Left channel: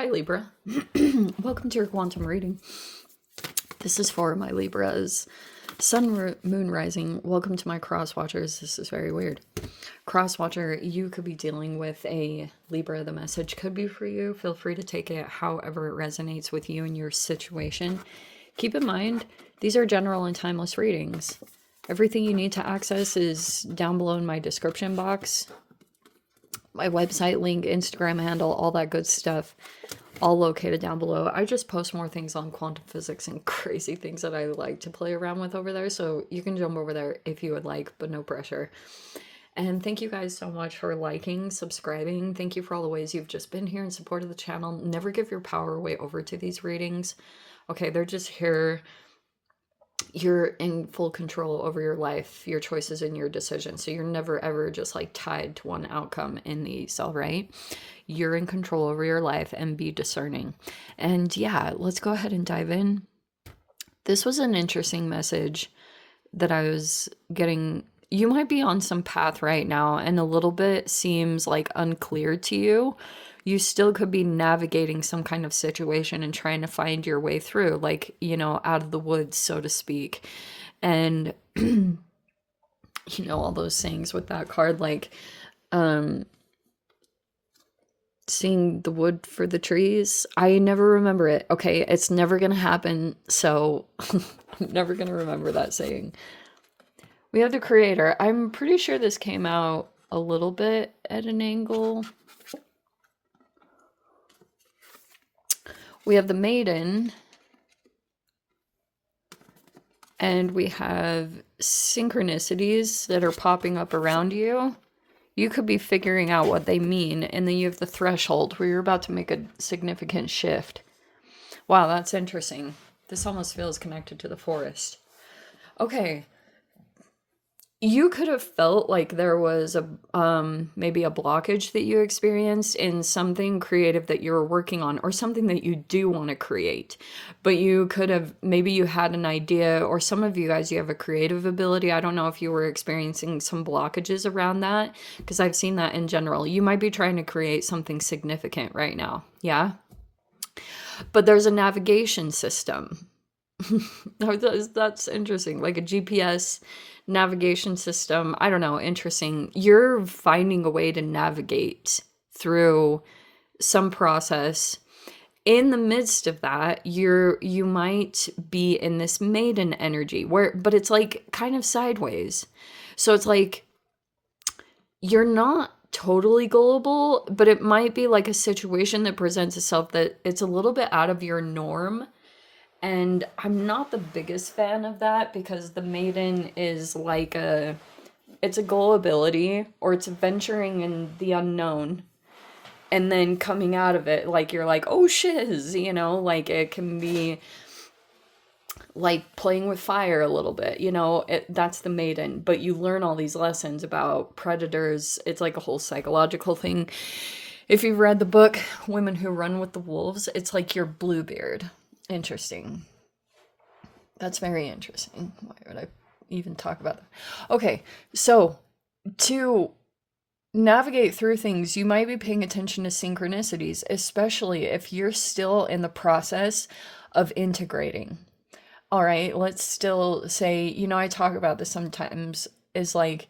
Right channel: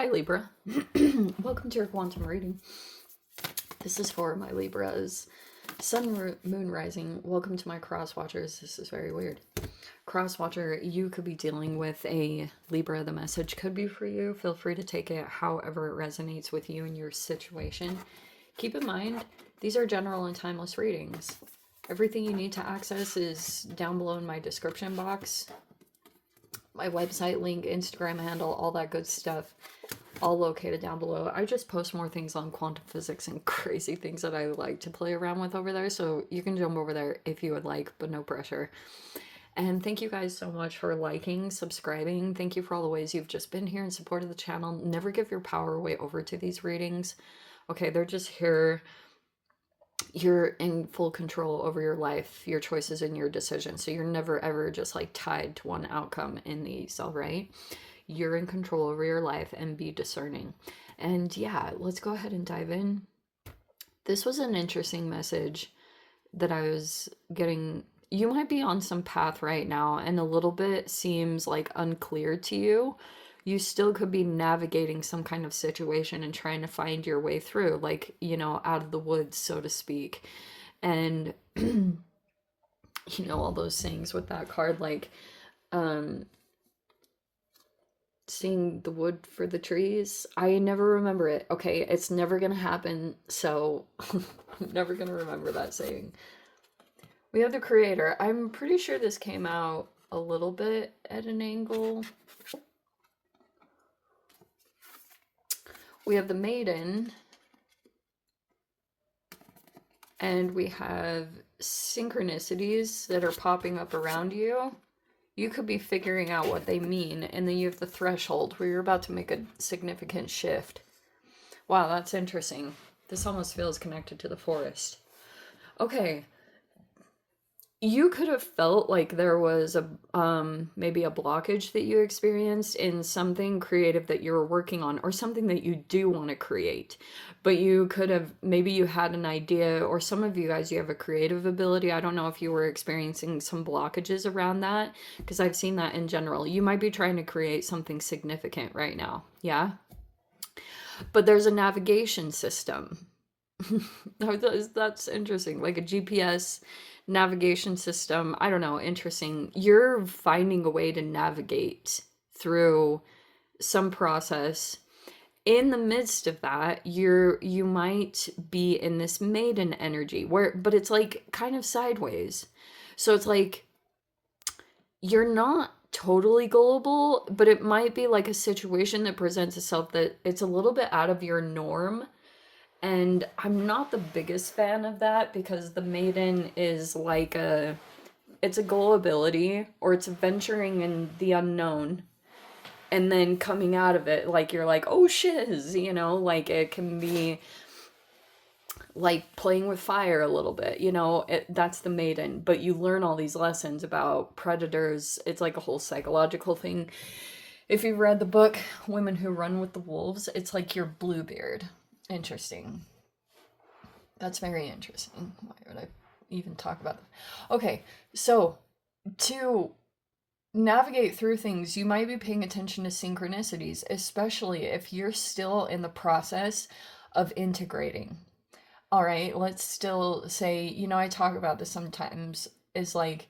Hi Libra. Welcome to your quantum reading. This is for my Libras. Sun, Moon, Rising. Welcome to my cross watchers. This is very weird. Cross watcher, you could be dealing with a Libra. The message could be for you. Feel free to take it however it resonates with you and your situation. Keep in mind, these are general and timeless readings. Everything you need to access is down below in my description box. My website link, Instagram handle, all that good stuff, all located down below. I just post more things on quantum physics and crazy things that I like to play around with over there, so you can jump over there if you would like, but no pressure. And thank you guys so much for liking, subscribing. Thank you for all the ways you've just been here and supported the channel. Never give your power away over to these readings. Okay, they're just here. You're in full control over your life, your choices, and your decisions. So you're never ever just like tied to one outcome in these, all right? You're in control over your life, and be discerning. And yeah, let's go ahead and dive in. This was an interesting message that I was getting. You might be on some path right now and a little bit seems like unclear to you. You still could be navigating some kind of situation and trying to find your way through, like, you know, out of the woods, so to speak. And, you know, all those things with that card, like, seeing the wood for the trees. I never remember it. Okay, it's never gonna happen, so I'm never gonna remember that saying. We have the creator. I'm pretty sure this came out a little bit at an angle. We have the maiden, and we have synchronicities that are popping up around you. You could be figuring out what they mean, and then you have the threshold where you're about to make a significant shift. Wow, that's interesting. This almost feels connected to the forest. Okay. You could have felt like there was a maybe a blockage that you experienced in something creative that you were working on, or something that you do want to create. But you could have, maybe you had an idea, or some of you guys, you have a creative ability. I don't know if you were experiencing some blockages around that, because I've seen that in general. You might be trying to create something significant right now. Yeah. But there's a navigation system. That's interesting. Like a GPS navigation system. I don't know. Interesting. You're finding a way to navigate through some process. In the midst of that, you might be in this maiden energy but it's like kind of sideways. So it's like you're not totally gullible, but it might be like a situation that presents itself that it's a little bit out of your norm. And I'm not the biggest fan of that, because the maiden is like it's a gullibility, or it's venturing in the unknown and then coming out of it like you're like, oh shiz, you know, like it can be like playing with fire a little bit, you know, that's the maiden. But you learn all these lessons about predators. It's like a whole psychological thing. If you've read the book Women Who Run with the Wolves, it's like your Bluebeard. Interesting. That's very interesting. Why would I even talk about that? Okay, so to navigate through things, you might be paying attention to synchronicities, especially if you're still in the process of integrating. All right, let's still say, you know, I talk about this sometimes, is like,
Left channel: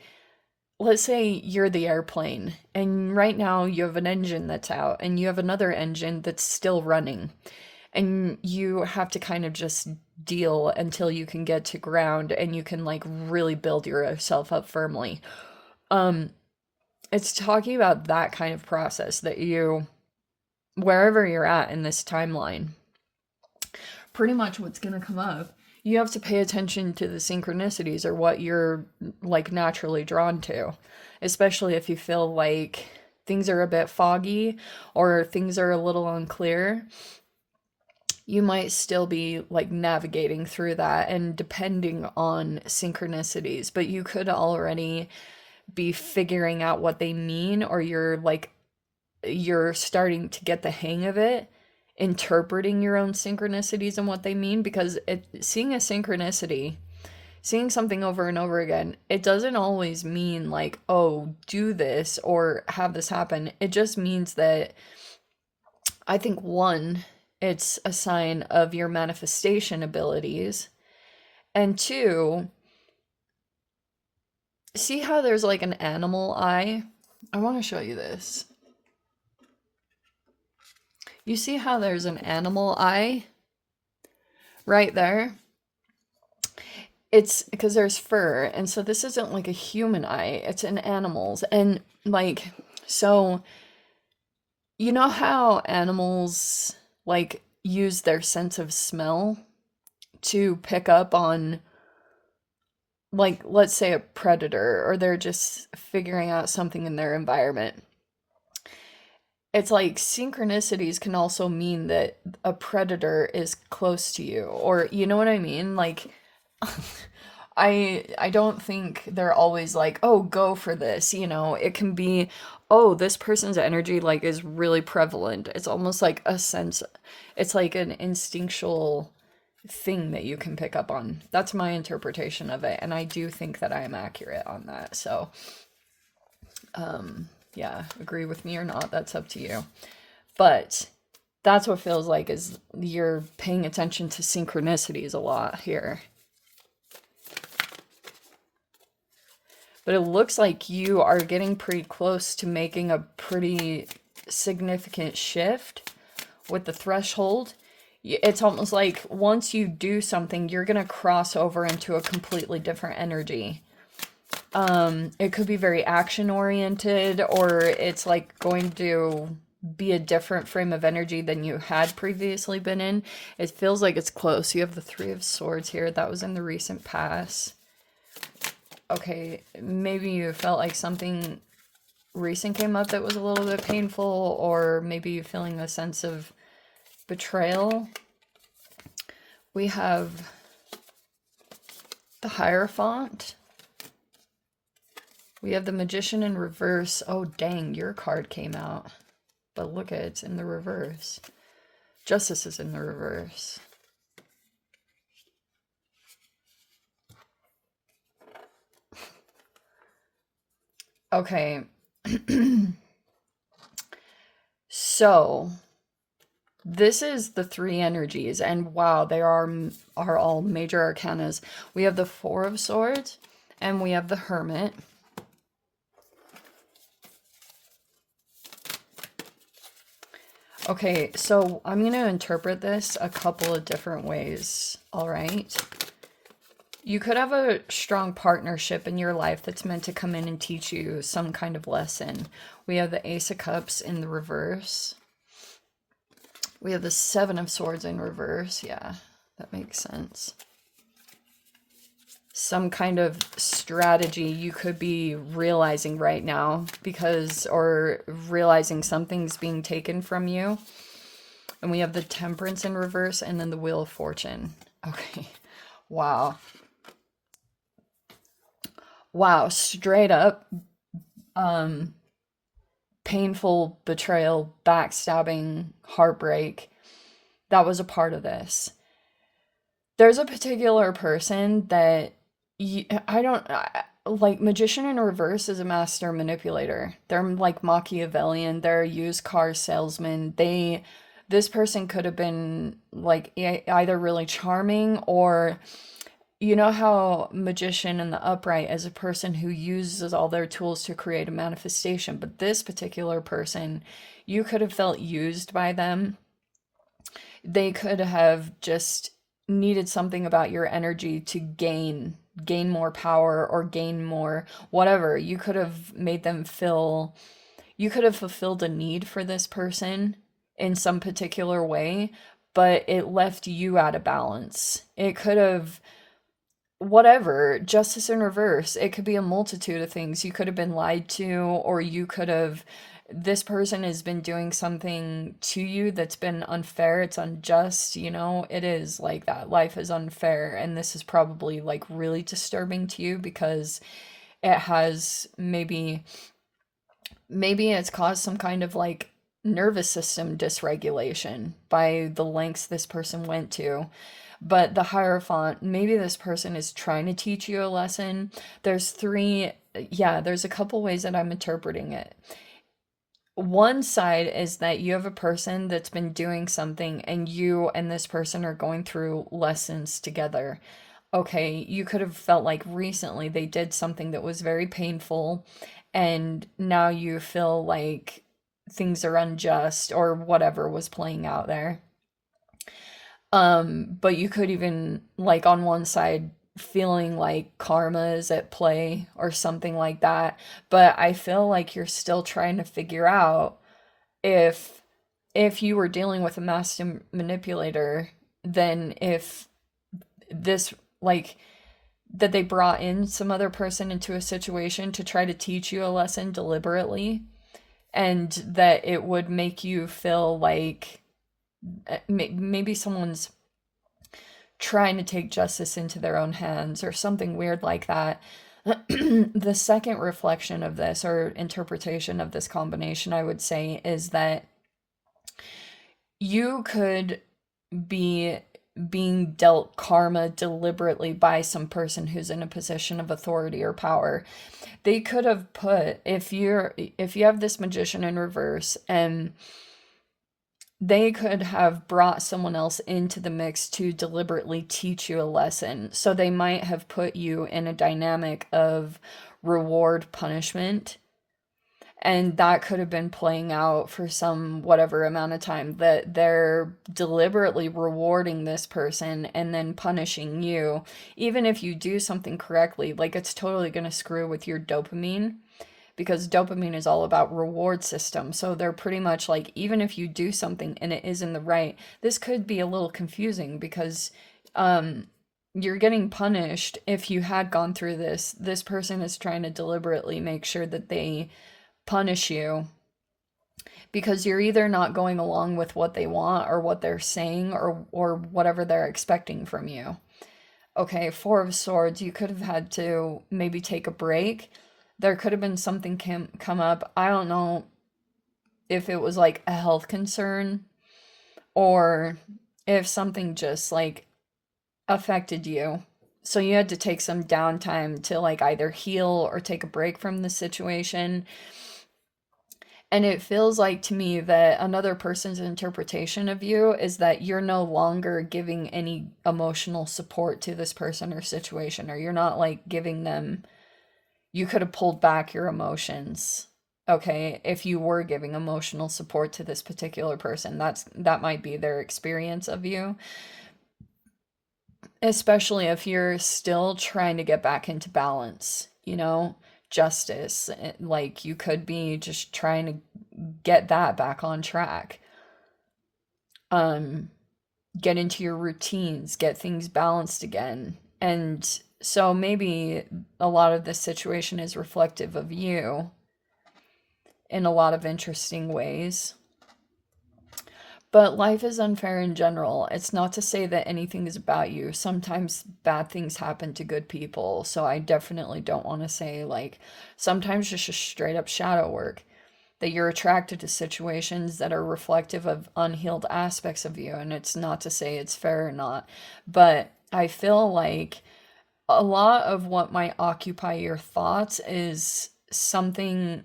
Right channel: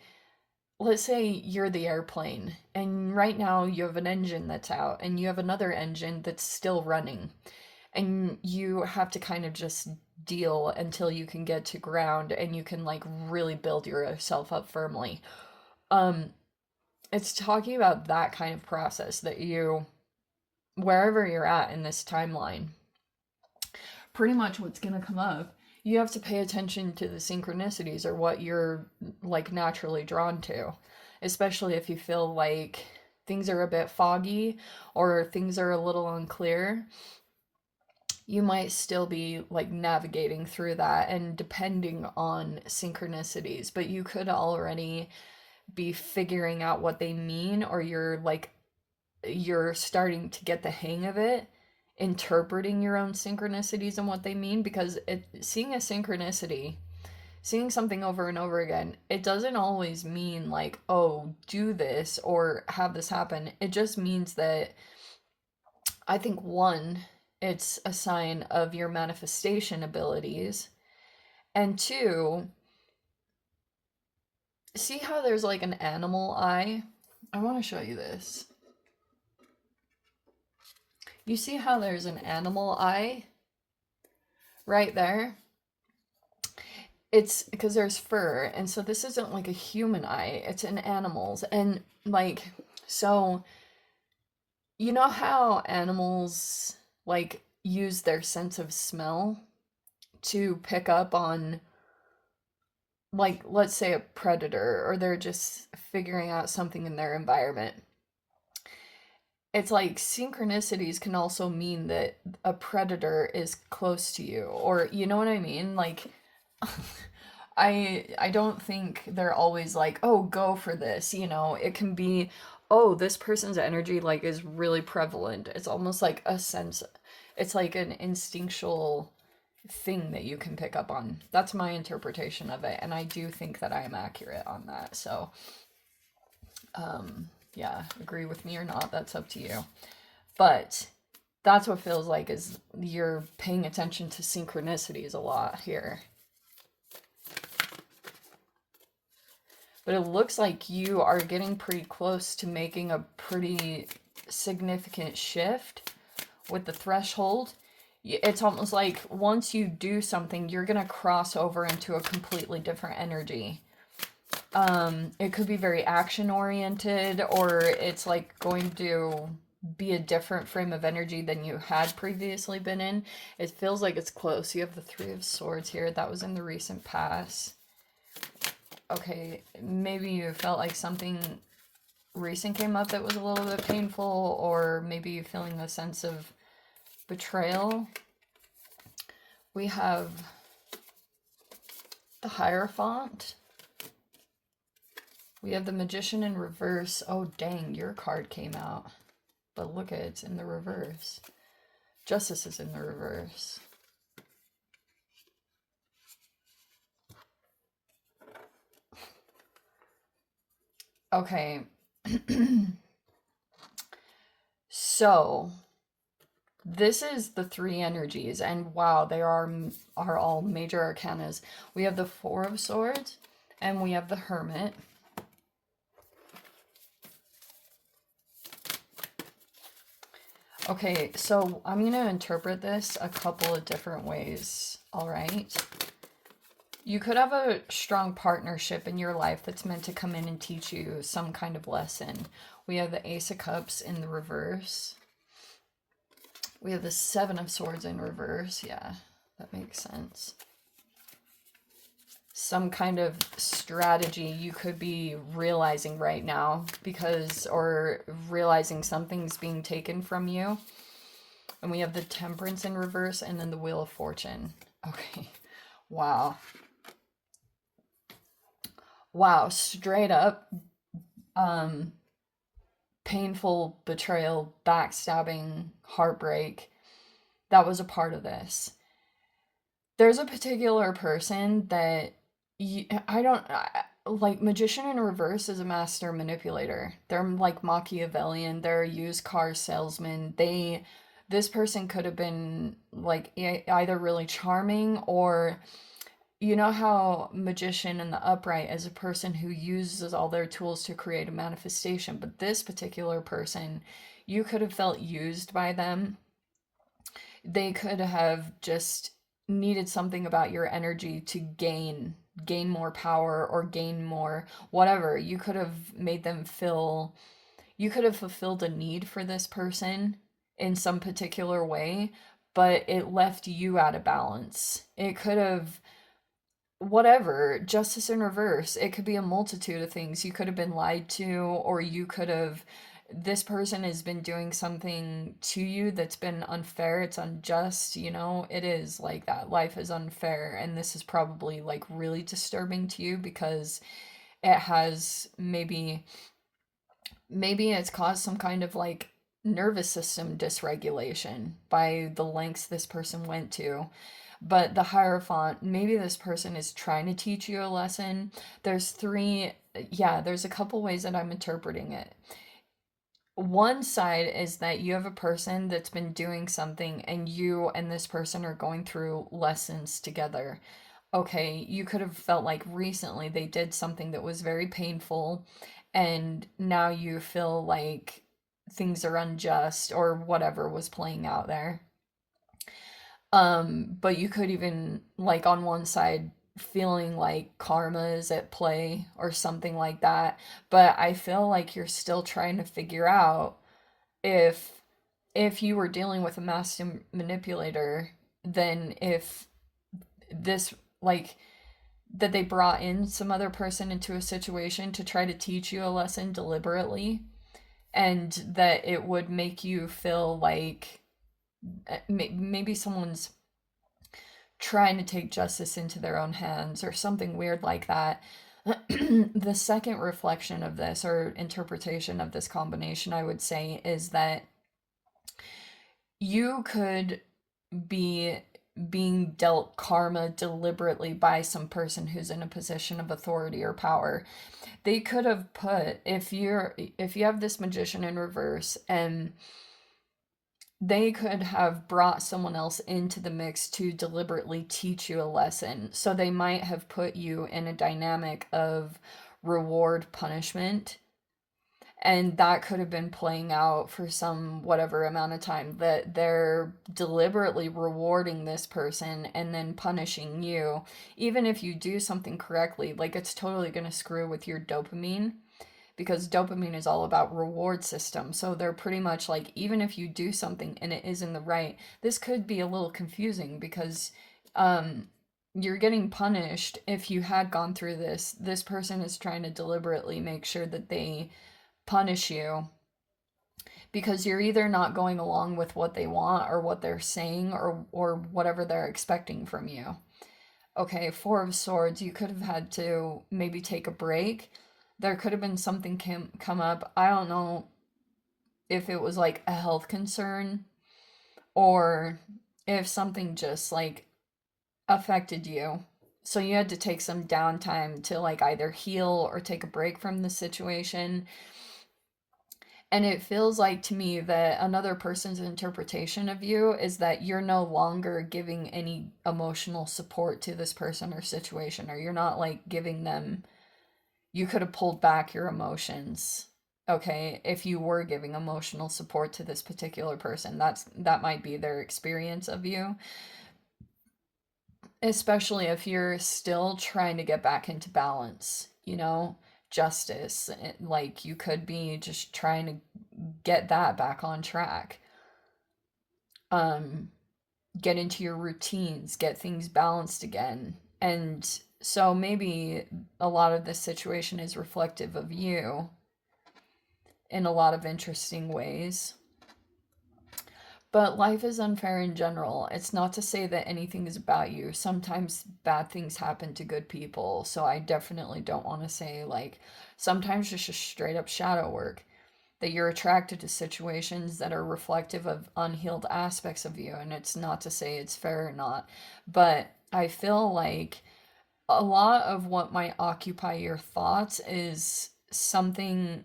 let's say you're the airplane, and right now you have an engine that's out, and you have another engine that's still running. And you have to kind of just deal until you can get to ground and you can like really build yourself up firmly. It's talking about that kind of process that you, wherever you're at in this timeline, pretty much what's going to come up, you have to pay attention to the synchronicities, or what you're like naturally drawn to, especially if you feel like things are a bit foggy or things are a little unclear. You might still be like navigating through that and depending on synchronicities, but you could already be figuring out what they mean, or you're starting to get the hang of it, interpreting your own synchronicities and what they mean. Because seeing a synchronicity, seeing something over and over again, it doesn't always mean like, oh, do this or have this happen. It just means that I think one, it's a sign of your manifestation abilities. And two, see how there's like an animal eye? I want to show you this. You see how there's an animal eye right there? It's because there's fur, and so this isn't like a human eye, it's an animal's. And like, so you know how animals like use their sense of smell to pick up on, like, let's say a predator, or they're just figuring out something in their environment. It's like synchronicities can also mean that a predator is close to you, or you know what I mean? Like, I don't think they're always like, "Oh, go for this." You know, it can be, "Oh, this person's energy like is really prevalent." It's almost like a sense, it's like an instinctual thing that you can pick up on. That's my interpretation of it, and I do think that I am accurate on that. So, yeah, agree with me or not, that's up to you. But that's what feels like is you're paying attention to synchronicities a lot here. But it looks like you are getting pretty close to making a pretty significant shift with the threshold. It's almost like once you do something, you're going to cross over into a completely different energy. It could be very action oriented, or it's like going to be a different frame of energy than you had previously been in. It feels like it's close. You have the Three of Swords here. That was in the recent past. Okay, maybe you felt like something recent came up that was a little bit painful, or maybe you're feeling a sense of betrayal. We have the Hierophant. We have the Magician in reverse. Oh, dang, your card came out. But look at it, it's in the reverse. Justice is in the reverse. Okay. So, this is the three energies, and wow, they are all major arcanas. We have the Four of Swords, and we have the Hermit. Okay, so I'm going to interpret this a couple of different ways, all right? You could have a strong partnership in your life that's meant to come in and teach you some kind of lesson. We have the Ace of Cups in the reverse. We have the Seven of Swords in reverse. Yeah, that makes sense. Some kind of strategy you could be realizing right now because, or realizing something's being taken from you. And we have the Temperance in reverse and then the Wheel of Fortune. Okay. Wow. Wow, straight up painful betrayal, backstabbing, heartbreak. That was a part of this. There's a particular person that like Magician in reverse is a master manipulator. They're like Machiavellian. They're a used car salesman. This person could have been like either really charming, or you know how Magician in the upright is a person who uses all their tools to create a manifestation, but this particular person, you could have felt used by them. They could have just needed something about your energy to gain more power or gain more whatever. You could have made them feel, you could have fulfilled a need for this person in some particular way, but it left you out of balance. It could have, whatever, justice in reverse. It could be a multitude of things. You could have been lied to, or you could have, this person has been doing something to you that's been unfair. It's unjust, you know, it is like that. Life is unfair, and this is probably like really disturbing to you because it has maybe it's caused some kind of like nervous system dysregulation by the lengths this person went to. But the Hierophant, maybe this person is trying to teach you a lesson. There's a couple ways that I'm interpreting it. one side is that you have a person that's been doing something and you and this person are going through lessons together. Okay, you could have felt like recently they did something that was very painful, and now you feel like things are unjust or whatever was playing out there. But you could even, like, on one side, feeling like karma is at play or something like that. But I feel like you're still trying to figure out if you were dealing with a master manipulator, then if this, like, that they brought in some other person into a situation to try to teach you a lesson deliberately, and that it would make you feel like maybe someone's trying to take justice into their own hands or something weird like that. The second reflection of this, or interpretation of this combination, I would say, is that you could be being dealt karma deliberately by some person who's in a position of authority or power. They could have put, if you have this magician in reverse, and they could have brought someone else into the mix to deliberately teach you a lesson. So they might have put you in a dynamic of reward punishment. And that could have been playing out for some whatever amount of time, that they're deliberately rewarding this person and then punishing you. Even if you do something correctly, like, it's totally going to screw with your dopamine, because dopamine is all about reward system. So they're pretty much like, even if you do something and it isn't the right, this could be a little confusing, because you're getting punished. If you had gone through this person is trying to deliberately make sure that they punish you, because you're either not going along with what they want or what they're saying, or whatever they're expecting from you. Okay, Four of Swords, you could have had to maybe take a break. There could have been something come up. I don't know if it was like a health concern, or if something just like affected you. So you had to take some downtime to, like, either heal or take a break from the situation. And it feels like to me that another person's interpretation of you is that you're no longer giving any emotional support to this person or situation, or you're not like giving them, you could have pulled back your emotions. Okay, if you were giving emotional support to this particular person, that might be their experience of you, especially if you're still trying to get back into balance, justice. Like, you could be just trying to get that back on track. Um, get into your routines, get things balanced again. And so maybe a lot of this situation is reflective of you in a lot of interesting ways. But life is unfair in general. It's not to say that anything is about you. Sometimes bad things happen to good people. So I definitely don't want to say, like, sometimes it's just straight up shadow work, that you're attracted to situations that are reflective of unhealed aspects of you. And it's not to say it's fair or not. But I feel like a lot of what might occupy your thoughts is something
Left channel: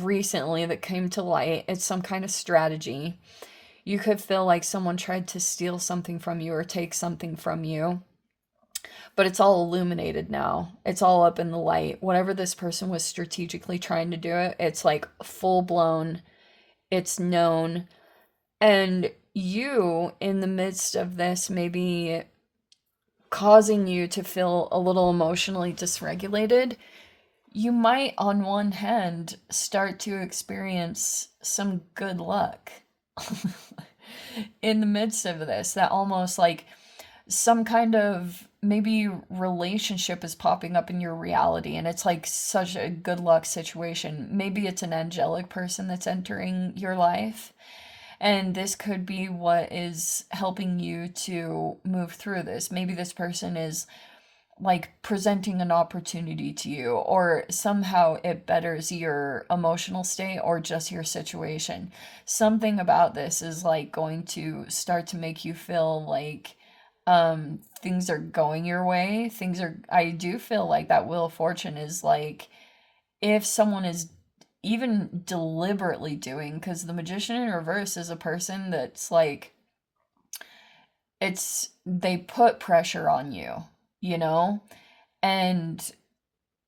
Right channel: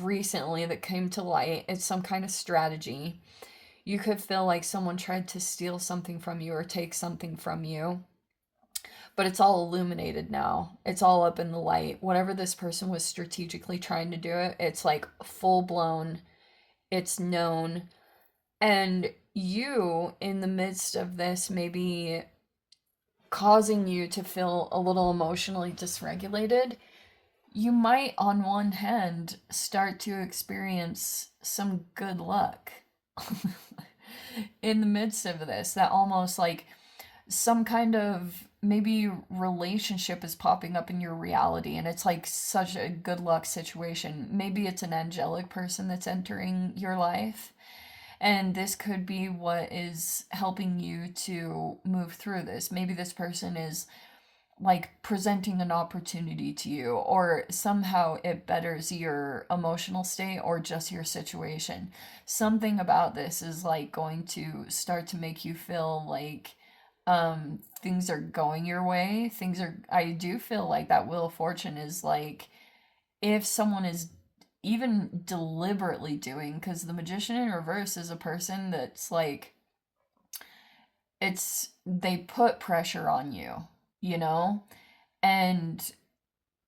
recently that came to light. It's some kind of strategy. You could feel like someone tried to steal something from you or take something from you, but it's all illuminated now. It's all up in the light. Whatever this person was strategically trying to do, it's like full blown, it's known. And you, in the midst of this, maybe causing you to feel a little emotionally dysregulated, you might, on one hand, start to experience some good luck in the midst of this. That almost like some kind of maybe relationship is popping up in your reality, and it's like such a good luck situation. Maybe it's an angelic person that's entering your life, and this could be what is helping you to move through this. Maybe this person is like presenting an opportunity to you, or somehow it betters your emotional state or just your situation. Something about this is like going to start to make you feel like things are going your way. I do feel like that Wheel of Fortune is like, if someone is even deliberately doing, because the Magician in reverse is a person that's like, they put pressure on you, you know? And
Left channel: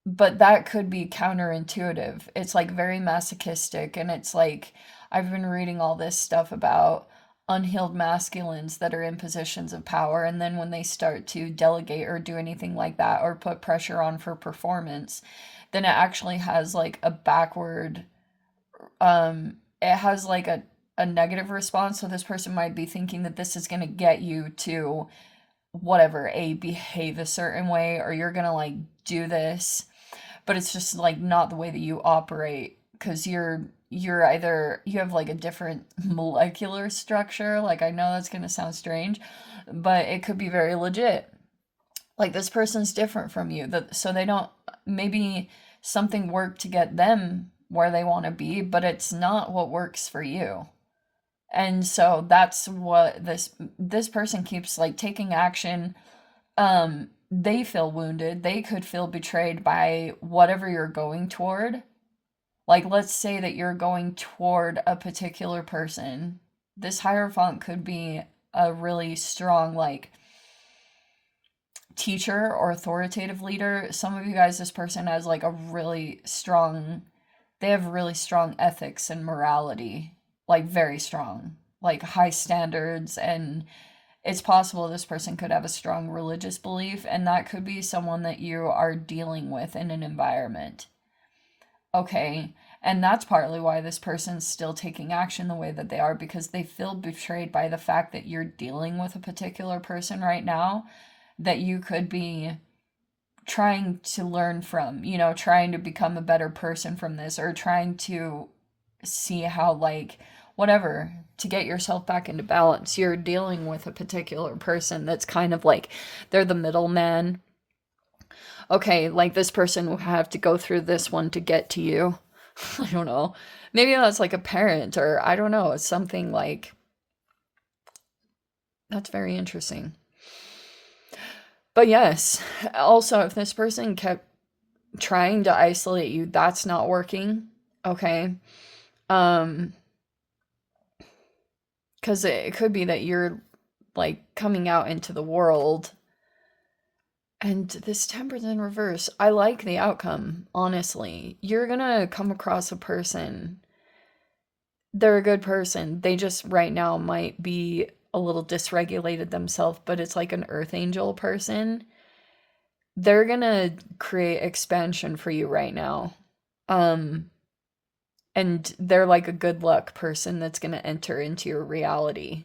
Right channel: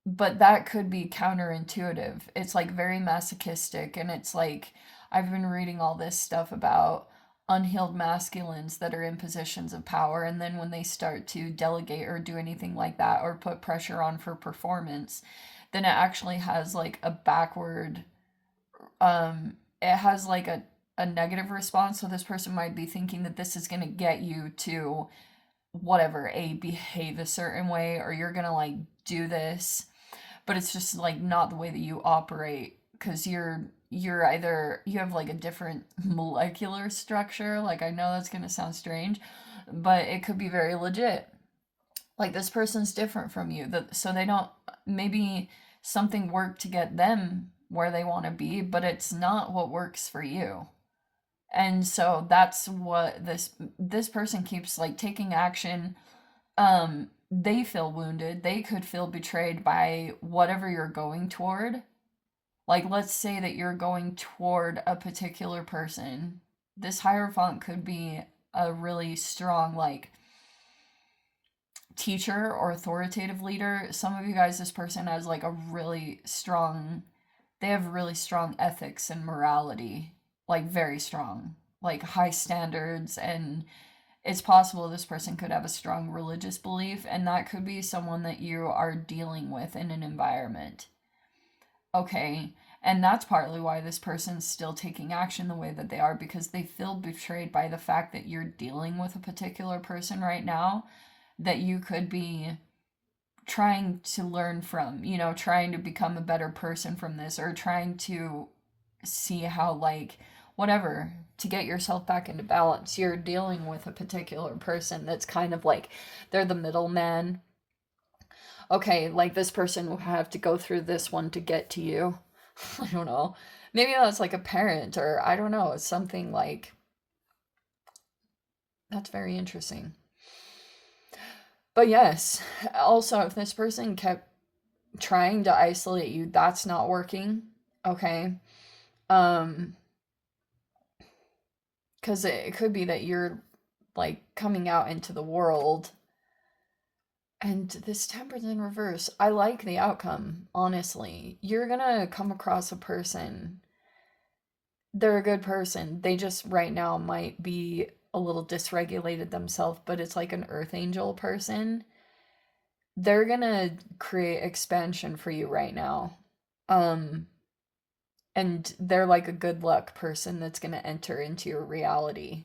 but that could be counterintuitive. It's like very masochistic, and it's like I've been reading all this stuff about unhealed masculines that are in positions of power, and then when they start to delegate or do anything like that or put pressure on for performance, then it actually has like a backward it has like a negative response. So this person might be thinking that this is going to get you to whatever, behave a certain way, or you're going to like do this, but it's just like not the way that you operate, because you're either you have like a different molecular structure. Like, I know that's going to sound strange, but it could be very legit. Like, this person's different from you, so they don't, maybe something worked to get them where they want to be, but it's not what works for you. And so that's what this person keeps like taking action. They feel wounded. They could feel betrayed by whatever you're going toward. Like, let's say that you're going toward a particular person. This Hierophant could be a really strong, like, teacher or authoritative leader. Some of you guys, this person has like a really strong, they have really strong ethics and morality, like very strong, like high standards. And it's possible this person could have a strong religious belief, and that could be someone that you are dealing with in an environment. Okay, and that's partly why this person's still taking action the way that they are, because they feel betrayed by the fact that you're dealing with a particular person right now that you could be trying to learn from, trying to become a better person from this, or trying to see how, like, whatever, to get yourself back into balance. You're dealing with a particular person that's kind of like, they're the middleman. Okay, like, this person will have to go through this one to get to you. I don't know. Maybe that's like a parent, or I don't know, something like, that's very interesting. But yes, also, if this person kept trying to isolate you, that's not working, okay? Because it could be that you're, like, coming out into the world, and this Temperance in reverse, I like the outcome, honestly. You're gonna come across a person, they're a good person, they just right now might be a little dysregulated themselves, but it's like an earth angel person. They're gonna create expansion for you right now. Um, and they're like a good luck person that's gonna enter into your reality.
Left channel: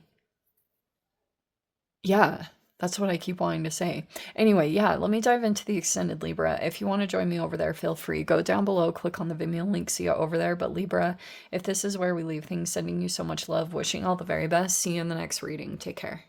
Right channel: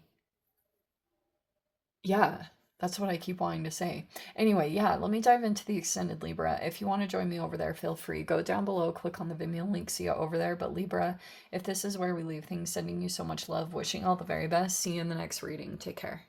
Yeah, that's what I keep wanting to say. Anyway, yeah, let me dive into the extended Libra. If you want to join me over there, feel free. Go down below, click on the Vimeo link, see you over there. But Libra, if this is where we leave things, sending you so much love, wishing all the very best. See you in the next reading. Take care.